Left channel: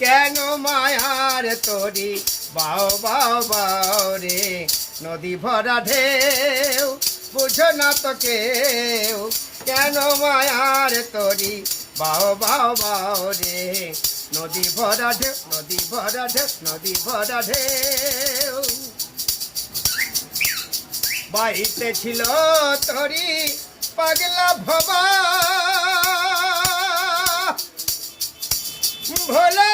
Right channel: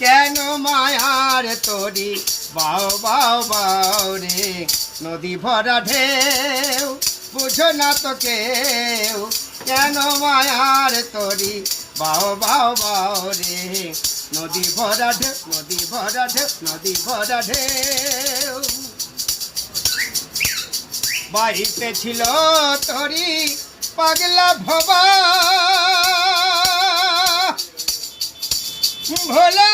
কেন মায়ার তরি বাও বাও বাও রে নদী ভরা ঢেউ বুঝো না তো কেউ কেন মায়ার তরি বাও বাও বাও রে নদী ভরা ঢেউ নদী ভরা ঢেউ নদী ভরা ঢেউ বাড়িতে ছিল তরি পাগলা ভবা ভোলা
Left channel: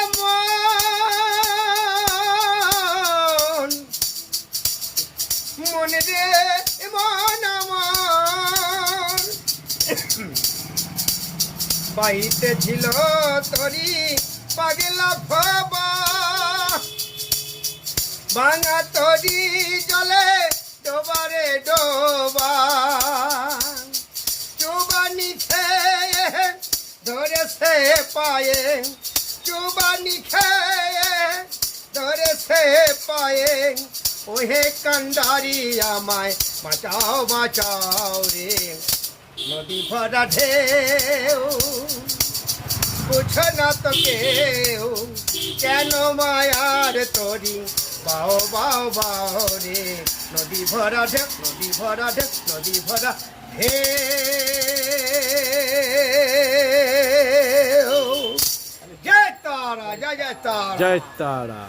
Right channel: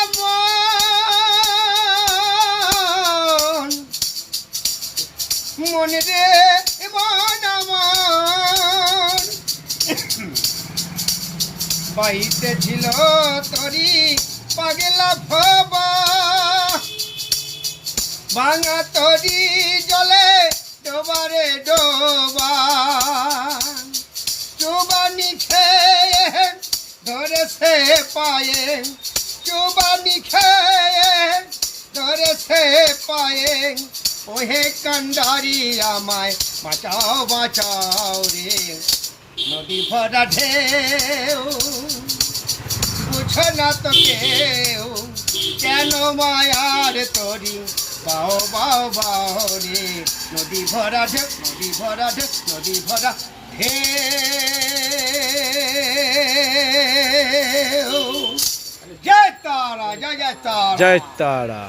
মন রে মন আমার বাড়িতে ছিল তরি পাগলা ভবা ভাঙা তরি জলে ডোবারে ডোবা চুবানি খেয়ে ধরেছে পায়ে চুবানি খেয়ে ধরেছে পায়ে ওহে কান্ডারি আমায় বাঁচাও বাঁচাও রে নদী ভরা ঢেউ বুঝো না তো কেউ কেন মায়ার তরি বাও বাও বাও রে নদী ভরা ঢেউ নদী ভরা ঢেউ নদী ভরা ঢেউ জয় তারা জয় জয় তারা জয় তারা।